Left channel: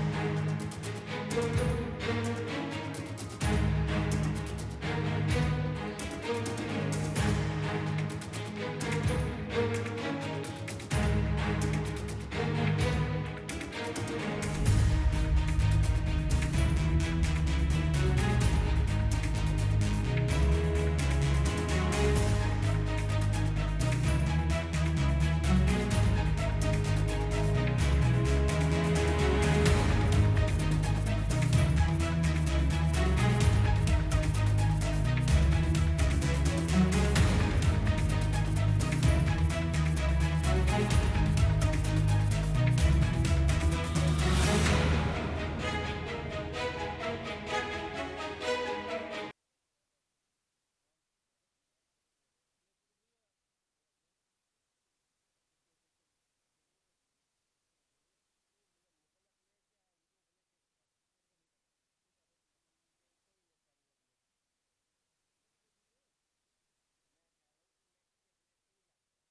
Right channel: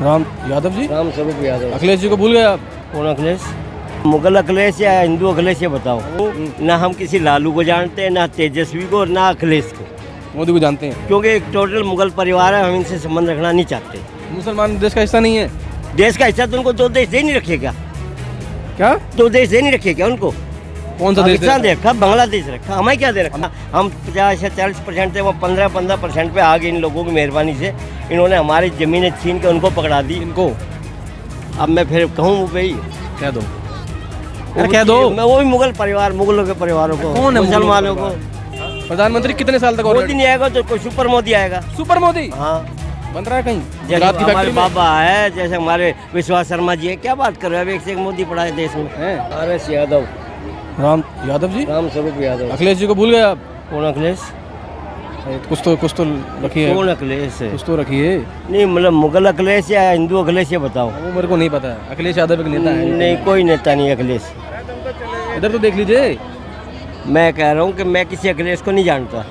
राम यादव जी। राम स्वरूप यादव। अखिलेश जी को भूल गए आप? कौन अखिलेश? मुगल अखिलेश या हिंदू अखिलेश, ये बताओ। ना हम किसी लालू को जानते हैं, ना तेजस्वी को, ना अखिलेश को, मोदी को जानते हैं? क्योंकि एक टोटल मुगल परिवार है, हम इनसे संबंध रखना नहीं चाहते। मुसलमान देश का हिस्सा नहीं है देश का हिस्सा तो उनको दो देश दे नहीं रखे क्या? क्या? दो देश दे नहीं रखे क्या उनको? कौन सा देश? पाकिस्तान दे रखा, बांग्लादेश रखा, हमें क्या दे रखा? हम 50 या 40% थे, वो 15% पे आ गए। इन लोगों की मेहरबानी से इन्होंने हमारी ज़मीनें छीन के उनको पकड़ा दी। इनको अब मैं फिर कहूँ भाई, कह दो, कह दो। मैं वो भी मुगल परिवार, मुगलों के परिवारों को, कौन है मुसलमानों को। प्रधानमंत्री कितने साल तक और मोदी नहीं आएगा तो कोई सुपर मोदी आएगा। सुपर मोदी हाँ, बन रहा है कहीं जैसे गुजरात की हमारे फैक्ट्री में? बाबा है, जैसे हमारे विश्वास शर्मा जी है। क्या बात कर रहे हो? अब एक से एक मोदी पड़ा है देश में। हैं? RS यादव। राम यादव जी। राम स्वरूप यादव। अखिलेश जी को भूल गए आप? कौन अखिलेश? कुछ तो रखिए, कौन अखिलेश है? कुछ तो रखिए। नहीं, मतलब मुगल अखिलेश या हिंदू अखिलेश, ये बताओ। वो मेरे को नहीं पता है। अखिलेश यादव एक नेता है? नहीं, कोई नेता नहीं अखिलेश। इधर तो देख लीजिए। मैं कह रहा हूँ कि मैं किसी अखिलेश को नहीं जानता।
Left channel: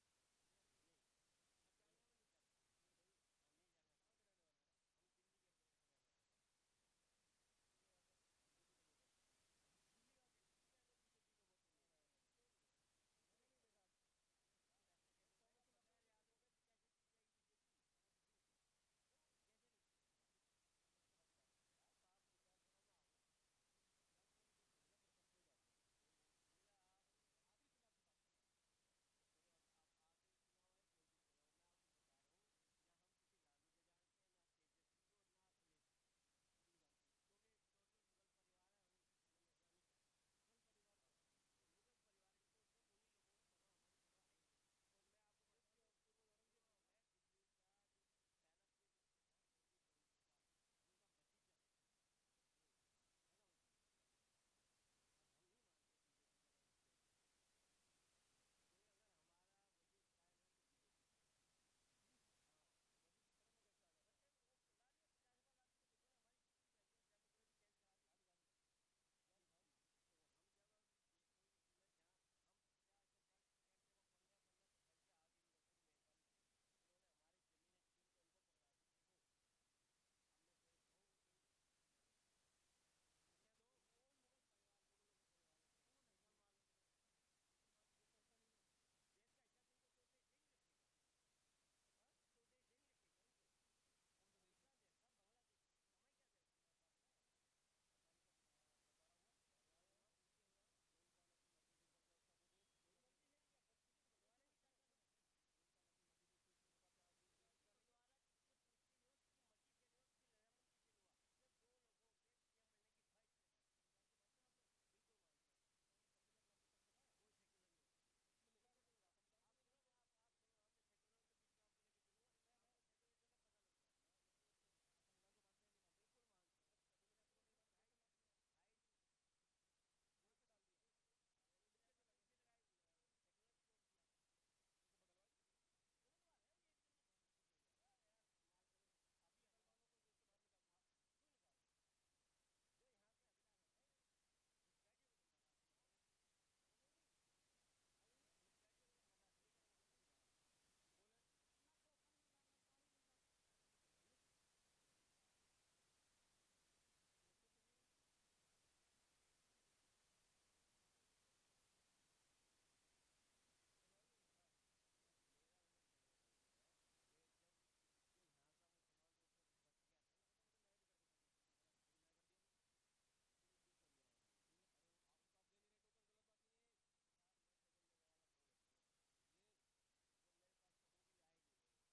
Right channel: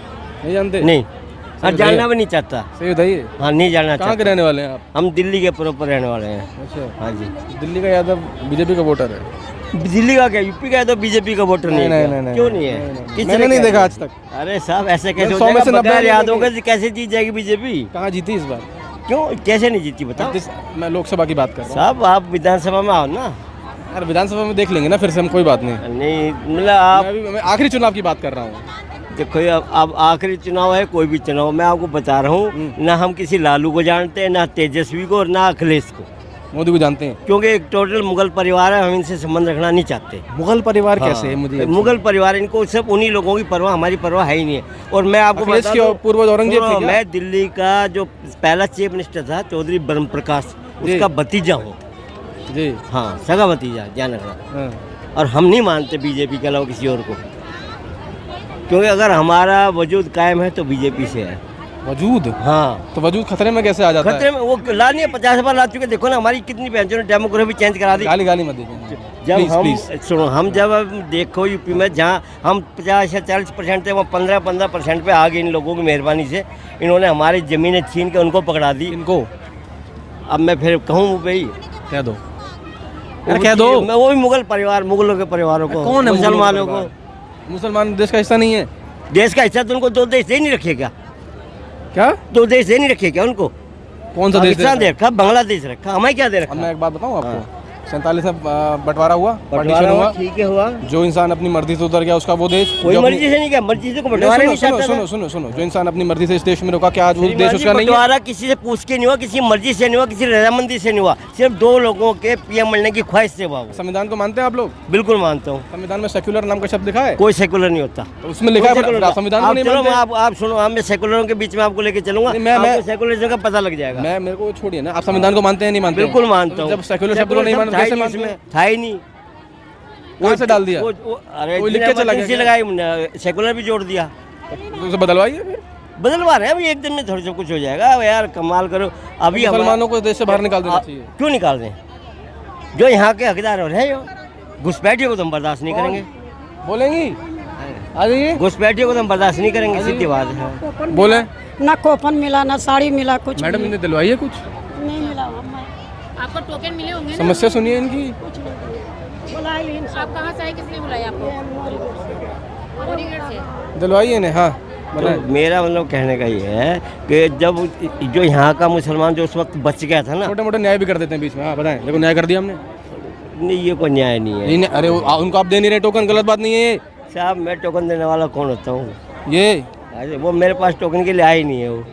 नहीं जानते? नहीं, और सही जानना भी नहीं चाहता। सही बताइए। हाँ, नहीं जानना कहाँ के चाहता। रहने वाले हैं आप? हम दिल्ली के प्रॉपर रहने वाले हैं। अच्छा, हाँ जी। दिल्ली का यादव बीजेपी का वोटर है? दिल्ली का क्या, यूपी का है तो बीजेपी का वोटर नहीं है क्या? नहीं, क्यों नहीं है? किसी मैंने ने नहीं क्या देखा है? आज तक। अरे साहब, ऐसे कैसे हो 100 में जाएगा? से 90 बगैर याद नहीं होगा तो कैसे जीत जाएगी बीजेपी? कहाँ जीती इस बार? क्यों, कैसे नहीं जीती बताओ? मैं लोकसभा की बात कर रहा हूँ। साहब, आप विधानसभा में आओ ना। यार विधानसभा में देख लेंगे ना फिर से हम, कोई बात नहीं। नहीं, मतलब आप मैं आखिरी चुनाव की बात कर रहा हूँ। देखो, अब आखिरी चुनाव है, कोई भी चुनाव, मैं आपको बता रहा हूँ, ना हम किसी लालू को जानते हैं, ना तेजस्वी को, ना अखिलेश को, मोदी को जानते हैं? क्योंकि एक टोटल मुगल परिवार है, हम इनसे संबंध रखना नहीं चाहते। मुगल परिवार हाँ, कैसे है? मुझे मुगल परिवार, इनको सब उन्हीं लोगों की परवाह, हमारी परवाह है ही नहीं है। और मैं आपको अखिलेश बता की दूं, पूर्वज औरंगजेब थे क्या? मैं दिल्ली का जो पहला चीफ मिनिस्टर था, चौधरी ब्रह्म प्रकाश, उसका भतीजा हूँ जी। हाँ, सगा भतीजा, ध्यान रखना। हाँ। और हम नहीं मानते बीजेपी के अलावा किसी और को, क्योंकि अगर हमारा वजूद कायम है तो बीजेपी से है। वजूद? हाँ, तो वजूद खतरे में कैसे आ जाता खतरे में वो ला नहीं है, 50 बार ला चुके। देखो ना हमारी कितनी बहनों ने डेमोग्राफी चेंज करा दी। गाली गाली मत दीजिए जब प्लीज, हम प्लीज। सुनो, हम जब देखो यूपी में जहाँ हम 50 या 40% थे, वो 15% पे आ गए। इन लोगों की मेहरबानी से इन्होंने हमारी ज़मीनें छीन के उनको पकड़ा दी। इनको अब मैं फिर कहूँ भाई, कह दो, कह दो। मैं वो भी मुगल परिवार, मुगलों के परिवारों को, कौन है मुसलमानों को। मुसलमान देश का हिस्सा नहीं है देश का हिस्सा तो उनको दो देश दे नहीं रखे क्या? क्या? दो देश दे नहीं रखे क्या उनको? कौन सा देश? पाकिस्तान दे रखा, बांग्लादेश रखा, हमें क्या दे अब रखा? मैं एक बात बताऊं आपको, 47 में बंटवारा हुआ, बंटवारा पार्टीशन हुआ। ठीक है, हुआ। जो इंसान अपनी मर्जी से उतर गया उसका वो देश, कोई जो अपनी- मर्जी से नहीं क्या, मर्जी से को नहीं, बंटवारा सुनो नहीं चाहता था। सुनो सुनो सुनो, जो इंसान अपनी मर्जी से इस देश में रुका, क्या आज वो देश उसका नहीं है? बंटवारा किसी से पूछ के नहीं हुआ, किसी मर्जी से नहीं हुआ, किसी रजामंदी से नहीं हुआ, सिर्फ दो लोगों के पीएम बनने की ख्वाहिश से हुआ। वो संविधान को मानते हैं आप लोग? बिल्कुल मानता हूँ। संविधान में सेक्युलर नाम का शब्द लिखा है? कोई सेकुलर नहीं होता। तो उसमें लिखा है संविधान को नहीं चलो, मानते? आप सुनो, मैं सेकुलरों के बीच में आपको लेके चलूंगा, आपको सेकुलरिज्म का पता लग जाएगा। मैं मेरे को छोड़िए ना, आप संविधान को मानते हैं नहीं मानते? बिल्कुल मानता हूँ। जब सेक्युलर शब्द को नहीं मानते कैसे मानते हैं? था ही नहीं। कहाँ से डाल दिया? अरे कोई लिख के चला गया? लगाई, सेकुलर भी जोड़ दिया। तो उसे बदलवाइए फिर। बदलवा रहे हैं अभी, एक दिन में थोड़ा सा कुछ हो जाएगा। अब यार कमाल करो। अभी मुसलमानों को देश से बाहर निकाल देना चाहिए। क्यों निकाल दें? जो यहाँ के हकदार हो रहे हैं, घुसपैठियों को तो हम बर्दाश्त नहीं करेंगे। बोलेंगी? आ जाइए। घुसपैठियों को तो हम बर्दाश्त नहीं करेंगे, सीधी बात है। बोले ना कोपन मिला, ना साड़ी मिला, कुछ मैडम, इन्हें दिलवाइए कुछ। नहीं मिला। आपको टोकन मिले होंगे ना? समस्या सुनिए इनकी। आप कहाँ से आए, किसने बुलाया आपको? मोरीगढ़ से। दिलवाइए इन्हें। हाँ तो मेरा मतलब कहने का ये है कि जब जो यहाँ का मुसलमान जो उस वक्त बच गया था ना, छोटे मोटे न्याय भी कर देते हैं बीच में। हाँ बताएं, देखो न्याय कर दिया हमने। नहीं, ये कोई न्याय नहीं है। नहीं, अरे उनको आप दे नहीं रहे टोकन, गलत बात नहीं है ये। साहब, मैं टोकन देने वाला कौन होता हूँ? ये अरे वो मेरे पास टोकन के लिए आया ही नहीं है। वो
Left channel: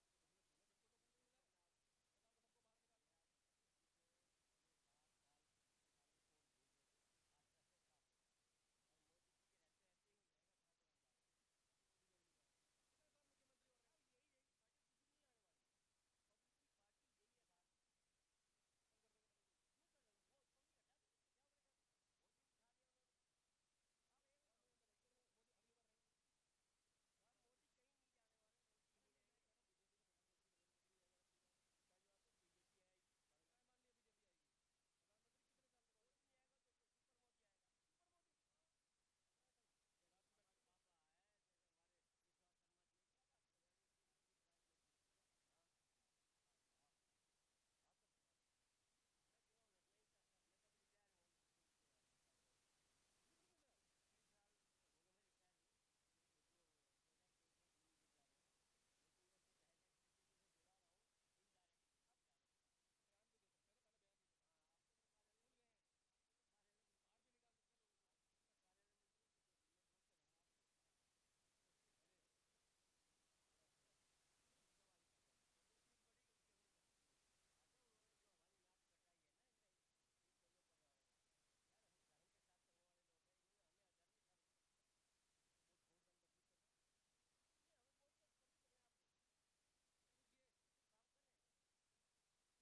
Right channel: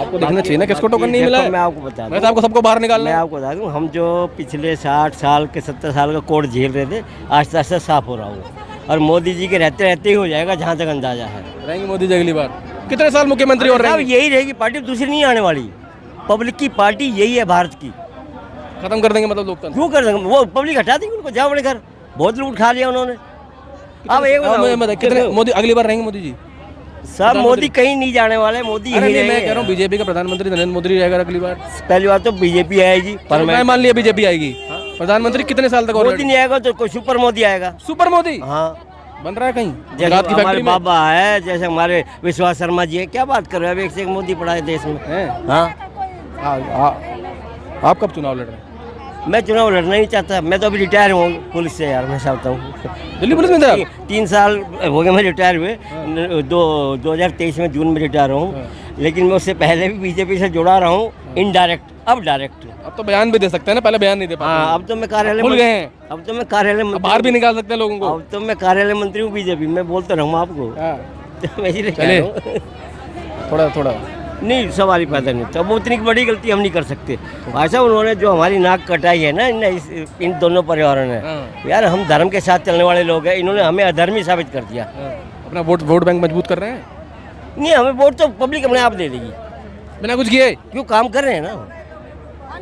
आपको देखना चाहिए ना, किसको टोकन नहीं मिला है? मैं आपको बता मैं तो आपको सबको बाहर निकालना मैं है। आपको बता दूं, हम जो पिछले 60 साल के 70 साल का कोड झेल रहे थे, आस्ते आस्ते साफ हो रहा हूँ। और मोदी जी के रहते रहते ही हो जाएगा, जहाँ तक अंदाजा है। रहेंगे मोदी जी अगली बार? कितने साल मुख्यमंत्री और साहब, रहेंगे? यही रहेगी पार्टी, दूसरी नहीं आने वाली। पब्लिक की पार्टी यही है भारत की। खत्म कर देंगे मतलब लोकतंत्र? क्यों कर देंगे? वो पब्लिक हटा देंगे उनको, जाओ बड़े घर। बहुत लूट खा लिया उन्होंने। अब एक बताओ, कितने मोदी अगली बार रहेंगे मोदी जी? साहब, मोदी कहीं नहीं जाने वाले, मोदी अरे यही नहीं, मैं रहेंगे। कह रहा हूँ बीजेपी का प्रधानमंत्री नरेंद्र मोदी रहेगा अगली बार। पहली बात तो बीजेपी आएगी, पर मैं मान लिया बीजेपी आएगी। प्रधानमंत्री कितने साल तक और मोदी नहीं आएगा तो कोई सुपर मोदी आएगा। सुपर मोदी हाँ, बन रहा है कहीं जैसे गुजरात की हमारे फैक्ट्री में? बाबा है, जैसे हमारे विश्वास शर्मा जी है। क्या बात कर रहे हो? अब एक से एक मोदी पड़ा है देश में। हैं? हाँ, आप कब चुनाव लड़ रहे हैं? मैं चुनाव लड़ना नहीं चाहता, मैं तो अभी रिटायर हूँ पुलिस से यार, मैं चाहता हूँ। दिल्ली पुलिस में थे आप? 3 साल हो गए मैं रिटायर हुए, 2023 में जून में रिटायर हूँ, लेकिन मैं उससे पहले भी बीजेपी से जुड़ा रहा हूँ, इनडायरेक्ट, अब डायरेक्ट। अब तो बयान भी दे सकते हैं ना, पहले बयान नहीं दे पाते। हाँ, अब तो मैं कार्यालय भूल गए हैं। अब तो मैं कार्यालय अब मंत्री, बाहर भी निकाल सकते हैं लोगों को। अब तो मैं कार्यालय मंत्री हूँ बीजेपी, मैं बोलता रहूँ आपको। हाँ, तो मैं इसीलिए कह चलिए। रहा हूँ। थोड़ा थोड़ा नहीं, सवाल ही पैदा नहीं, तब उतनी बड़ी गलती हम नहीं कर सकते। ऐसा उन्होंने जो हमारी नाक कटाई है ना इन दोनों परिवारों ने, हाँ। यार हम धर्म के साथ चलने वाले लोग हैं, इन्होंने हमें अधर्मी साबित कर दिया। अपना वोट बैंक मजबूत कर रहे हैं नहीं, हमें वोट तो पब्लिक अपने आप दे देगी, बिना कुछ किए। क्यों? काम कर रहे हैं ना,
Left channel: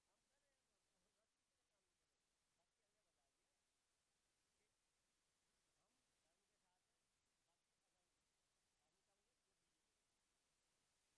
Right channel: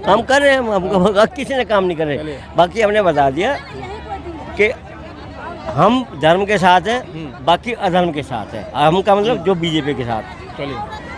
काम कर रहे हैं हम किसी ने काम नहीं कर रहे। बाकी हमने बता दिया कि हम धर्म के साथ हैं, बाकी अधर्म के साथ है। हम का मतलब जो बीजेपी के साथ। चलिए।